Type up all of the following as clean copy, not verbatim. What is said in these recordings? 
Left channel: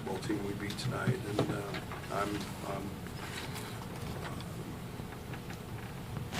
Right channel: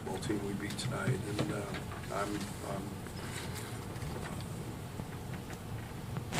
basketball team we beat tonight, and I'm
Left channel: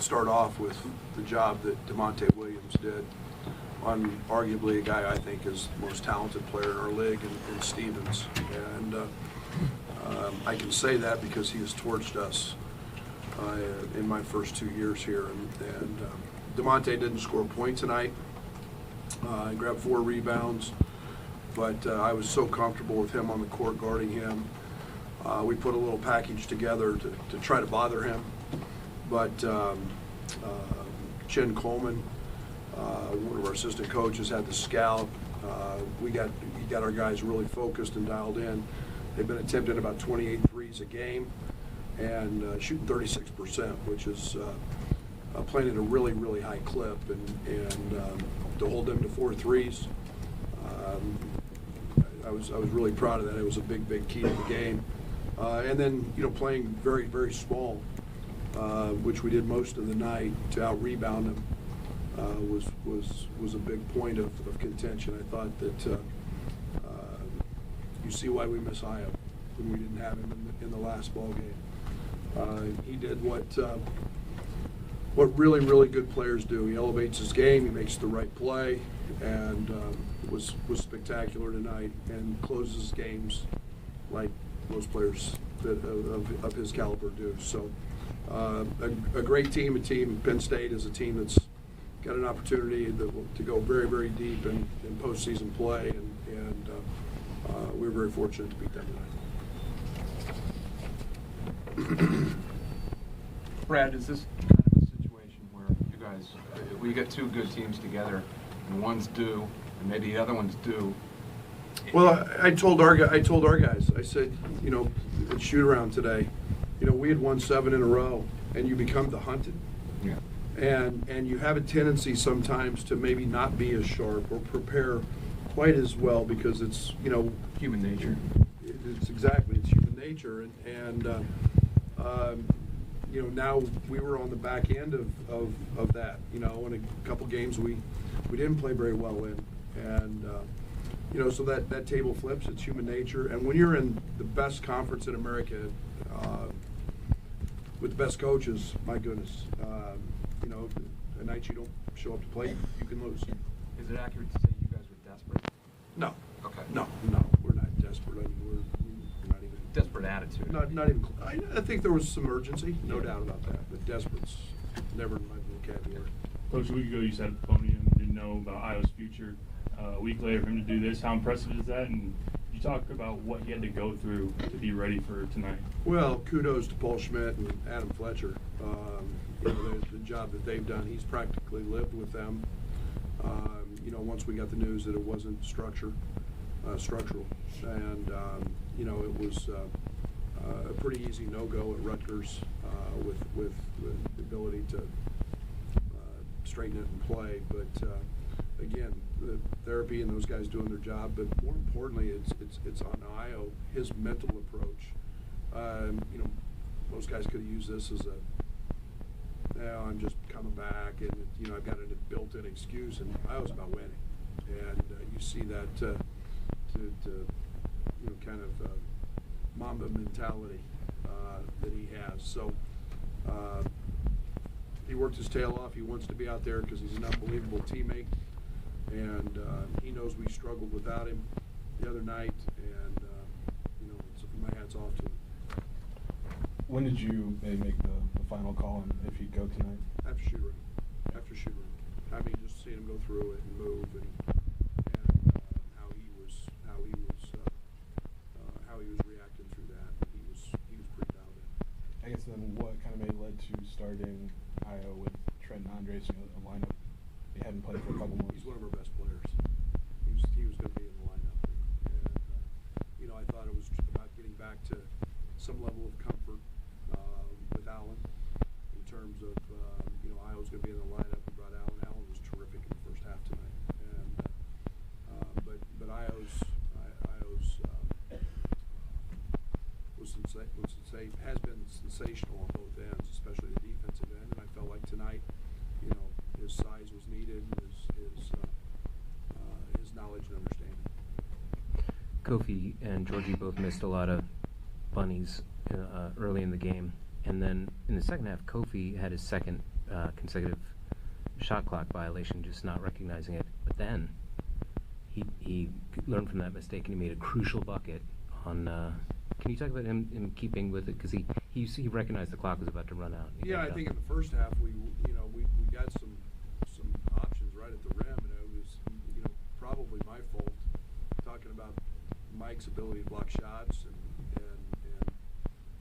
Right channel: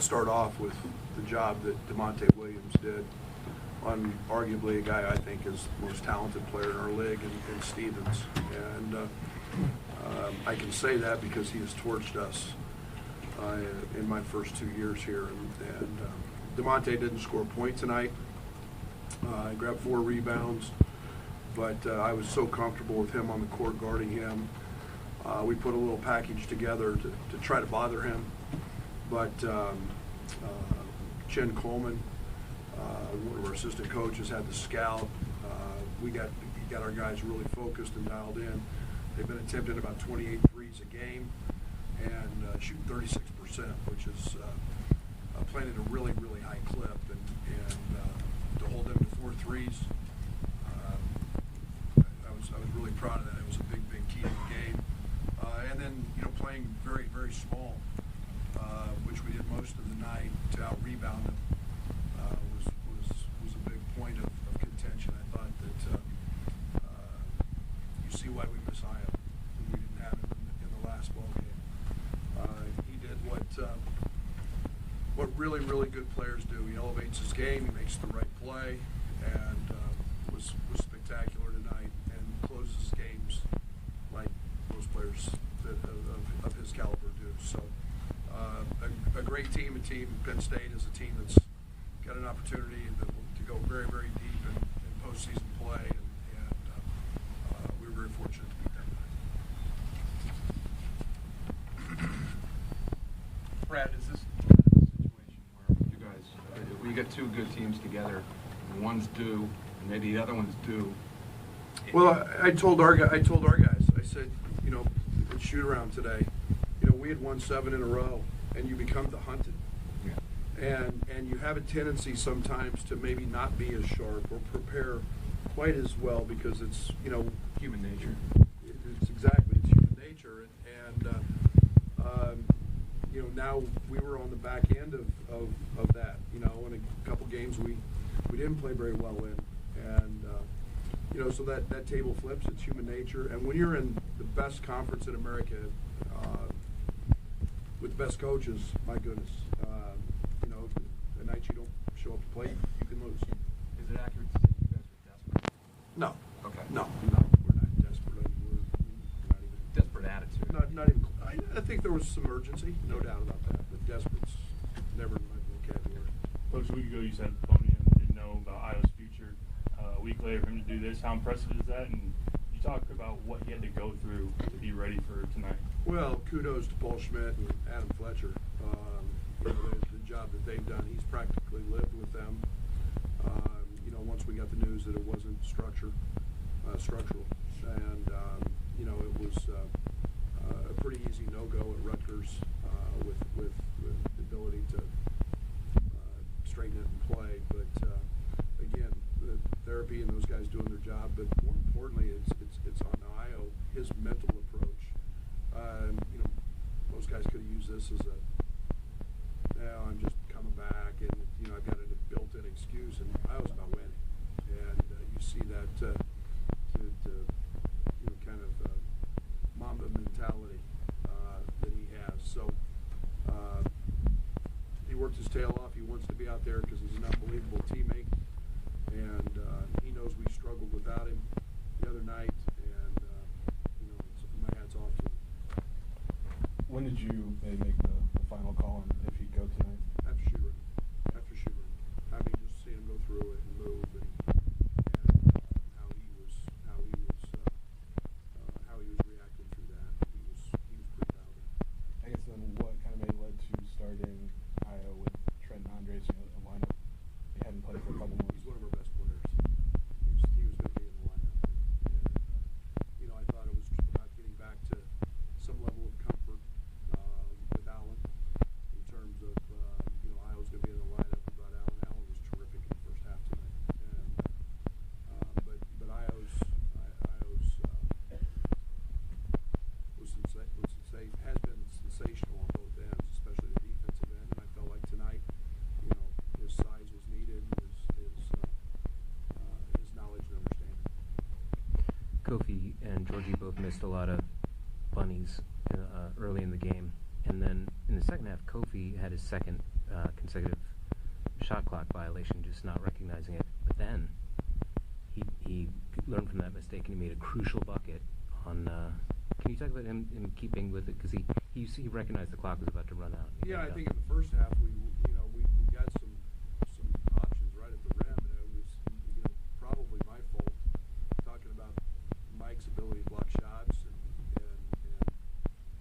start off with the job that DeMonte Williams did on arguably a guy I think is the most talented player in our league, in Stevens, and I can say that because he has torched us in my first 2 years here, and DeMonte didn't score a point tonight. I grabbed 4 rebounds, but I was so comfortable with him on the court guarding him. We put a little package together to try to bother him, but Chen Coleman, one of our assistant coaches, had the scout. He got our guys really focused and dialed in. They've been attempting about 28 threes a game and shooting 36%, which is playing at a really, really high clip, and to hold them to 4 threes, I was really proud of that. It was a big, big key to the game. And then, playing very, very small, which we did most of the night, to out-rebound them was a big point of contention. I thought that you see why we miss Io when we didn't have him in the last ball game. He did what really, really good players do. He elevates his game, he makes the right play, and was spectacular tonight, and closes games like most players of his caliber do. So a great team. Penn State is a team that's got an opportunity to go very, very deep in postseason play, and we were very fortunate to beat them tonight. Brad, is this kind of a situation where you guys, we get 2 good teams together, and one's due, and maybe the other one's due? Well, I told our guys, I said, at shoot around today, we had won 7 in a row, and you become the hunted. Yeah. And you have a tendency sometimes to maybe not be as sharp or prepare quite as well, because it's, Human nature. It's human nature, and now we were on the back end of that. In a couple games we didn't play very well in, and so that table flips. It's human nature, and when you're in the best conference in America, with the best coaches, my goodness, the night you don't show up to play, you can lose. Is it accurate to say you guys were desperate? No. Okay. No, we're not desperate. I mean, we're not even desperate attitude. Not even. I think there was some urgency, no doubt about that. But desperate's never in my vocabulary. Coach, a week ago you said at the podium you didn't know about Io's future. A week later for him to do this, how impressive is that? And you talk about what he had to go through to be ready for tonight. Well, kudos to Paul Schmidt and Adam Fletcher. The job that they've done. He's practically lived with them. Once we got the news that it wasn't structural, and it was a pretty easy no-go at Rutgers with the ability to straighten it and play. But again, the therapy and those guys doing their job. But more importantly, it's on Io, his mental approach. Most guys could have used this as I'm just coming back, and I've got a built-in excuse, and I was about winning, and you see that kind of Mamba mentality that he has. So he worked his tail off. He wants to be out there because he's an unbelievable teammate, and he knows we struggled without him the other night, and my hat's off to him. When did you maybe make the final call on if he'd go tonight? After shoot around. I mean, just seeing him go through it and move, and how he was reacting through that. He was pretty dialed in. I guess then what kind of led to starting Io with Trent and Andres in a lineup? He hadn't played for a couple months. He's one of our best players. He was going to be in the lineup, and I thought it was about getting back to some level of comfort with Allen in terms of Io was going to be in the lineup. We brought Allen. Allen was terrific in the first half tonight, and but Io's has been sensational on both ends, especially the defensive end. And I felt like tonight, his size was needed, his knowledge and understanding. Kofi and Georgie both missed a lot of bunnies early in the game, and then in the second half, Kofi had his second consecutive shot clock violation, just not recognizing it. But then he learned from that mistake and he made a crucial bucket on. Can you talk about him keeping with it, because he recognized the clock was about to run out? Yeah, I think in the first half we got some options right at the rim, and it was probably my fault, talking about Mike's ability to block shots, and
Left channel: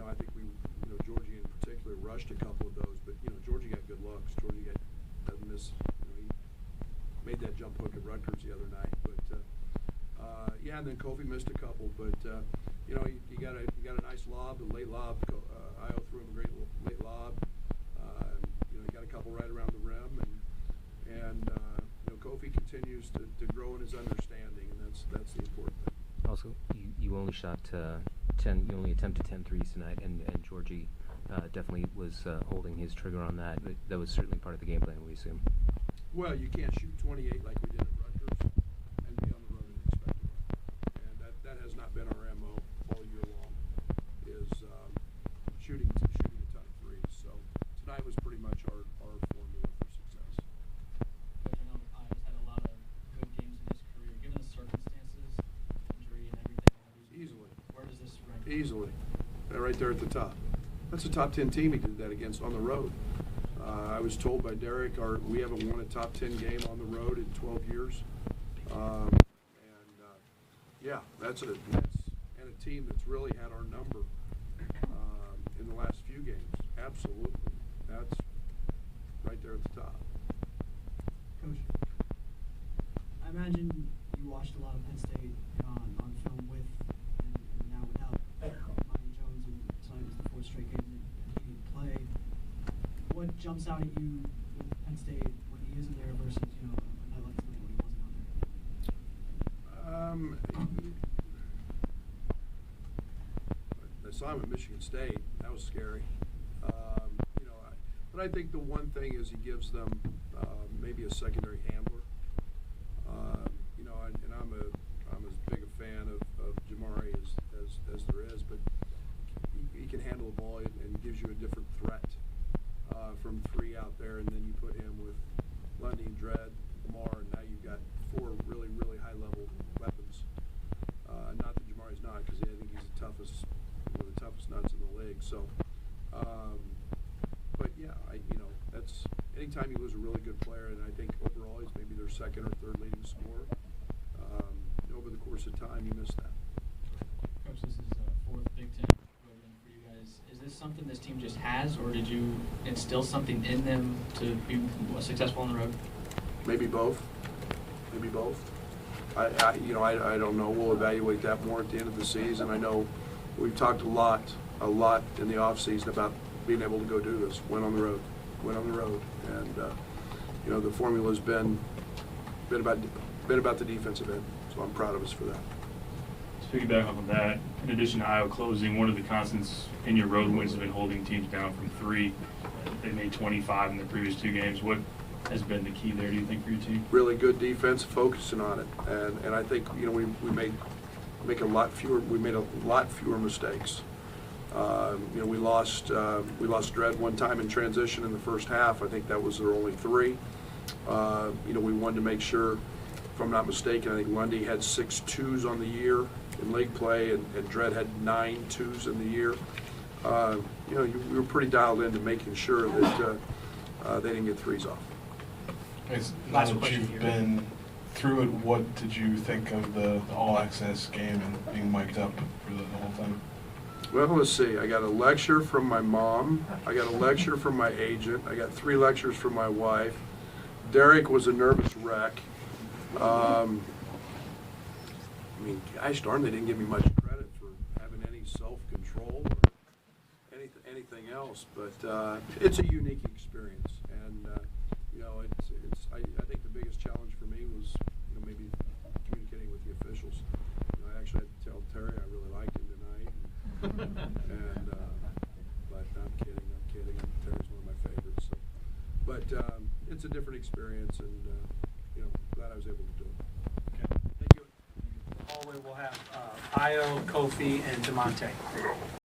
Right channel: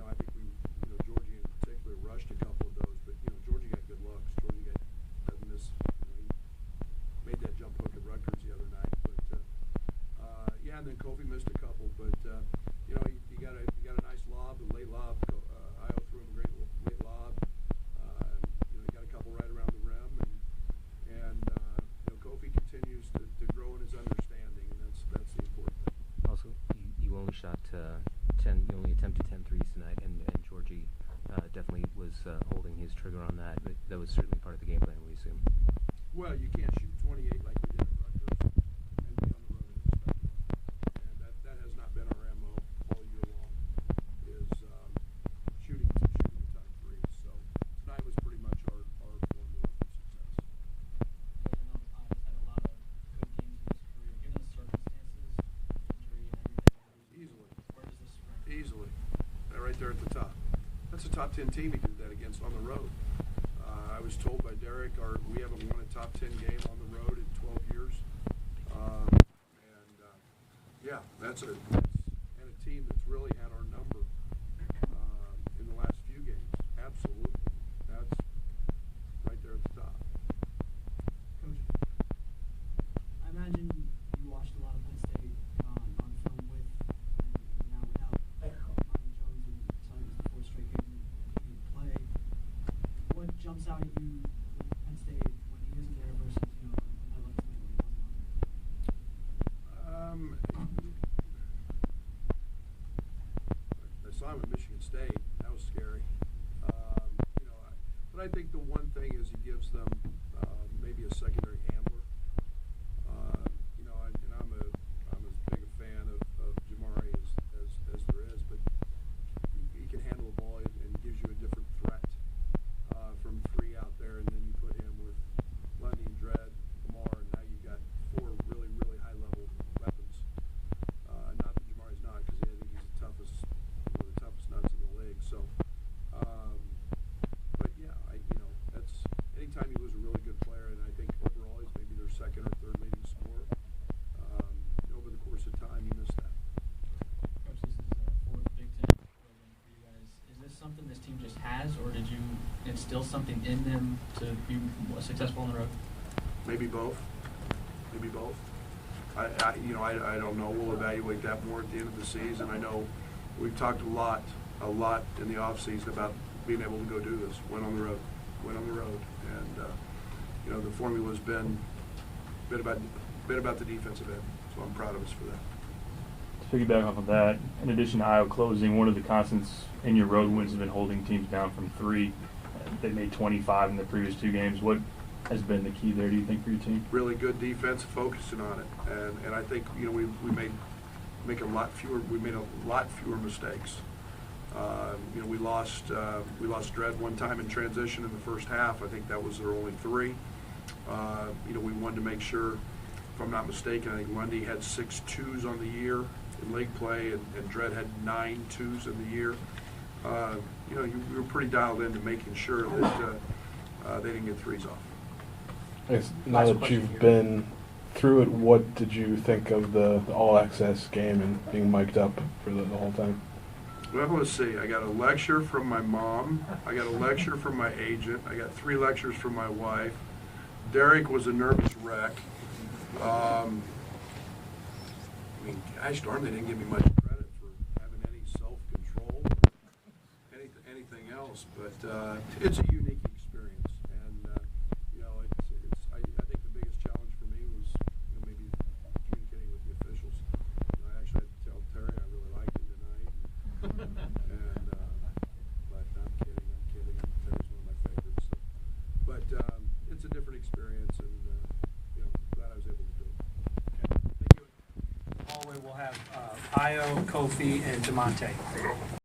I think Georgie in particular rushed a couple of those, but Georgie got good looks. Georgie doesn't miss. He made that jump hook at Rutgers the other night, but and then Kofi missed a couple, but you got a nice lob, a late lob. Io threw him a great late lob. You got a couple right around the rim, and Kofi continues to grow in his understanding, and that's the important thing. Also, you only shot 10. You only attempted 10 threes tonight, and Georgie definitely was holding his trigger on that. But that was certainly part of the game plan, we assume. Well, you can't shoot 28 like we did at Rutgers and be on the road and expect to win. And that has not been our MO all year long, is shooting a ton of threes. So tonight was pretty much our formula for success. Coach, I know Io's had a lot of good games in his career. Given the circumstances, injury and everything, Easily. where does this rank? Easily. Right there at the top. That's a top 10 team he did that against on the road. I was told by Derek, we haven't won a top 10 game on the road in 12 years. That's a team that's really had our number in the last few games. Absolutely. That's right there at the top. Coach, I imagine you watched a lot of Penn State on film with and now without Monty Jones, and tonight was the fourth straight game that he didn't play. What jumps out at you with Penn State when he isn't there versus a night like tonight when he wasn't out there? I saw him at Michigan State. That was scary. But I think the one thing is he gives them maybe a secondary handler. And I'm as big a fan of Jamari as there is, but he can handle the ball and gives you a different threat from three out there, and then you put him with Lundy, Dredd, Lamar, and now you've got four really, really high-level weapons. Not that Jamari's not, because I think he's one of the toughest nuts in the league. So, but yeah, that's anytime you lose a really good player, and I think overall he's maybe their second or third leading scorer. Over the course of time, you miss that. Coach, this is fourth Big Ten road win for you guys. Is this something this team just has, or did you instill something in them to be successful on the road? Maybe both. I don't know. We'll evaluate that more at the end of the season. I know we've talked a lot in the offseason about being able to go do this, win on the road, and the formula's been about the defensive end. So I'm proud of us for that. To piggyback on that, in addition to Iowa closing, one of the constants in your road wins has been holding teams down from three. They made 25 in the previous two games. What has been the key there, do you think, for your team? Really good defense, focusing on it, and I think we made a lot fewer mistakes. We lost Dredd one time in transition in the first half. I think that was their only three. We wanted to make sure, if I'm not mistaken, I think Lundy had 6 twos on the year in league play, and Dredd had 9 twos in the year. We were pretty dialed into making sure that they didn't get threes off. Now that you've been through it, what did you think of the all-access game and being mic'd up for the whole time? Well, let's see. I got a lecture from my mom. I got a lecture from my agent. I got 3 lectures from my wife. Derek was a nervous wreck. Gosh darn, they didn't give me much credit for having any self-control or anything else. But it's a unique experience, and I think the biggest challenge for me was maybe communicating with the officials. I actually had to tell Terry I really liked him tonight, but I'm kidding. Terry's one of my favorites. So. But it's a different experience, and glad I was able to do it. Okay. Thank you. All way we'll have Io, Kofi, and DeMonte.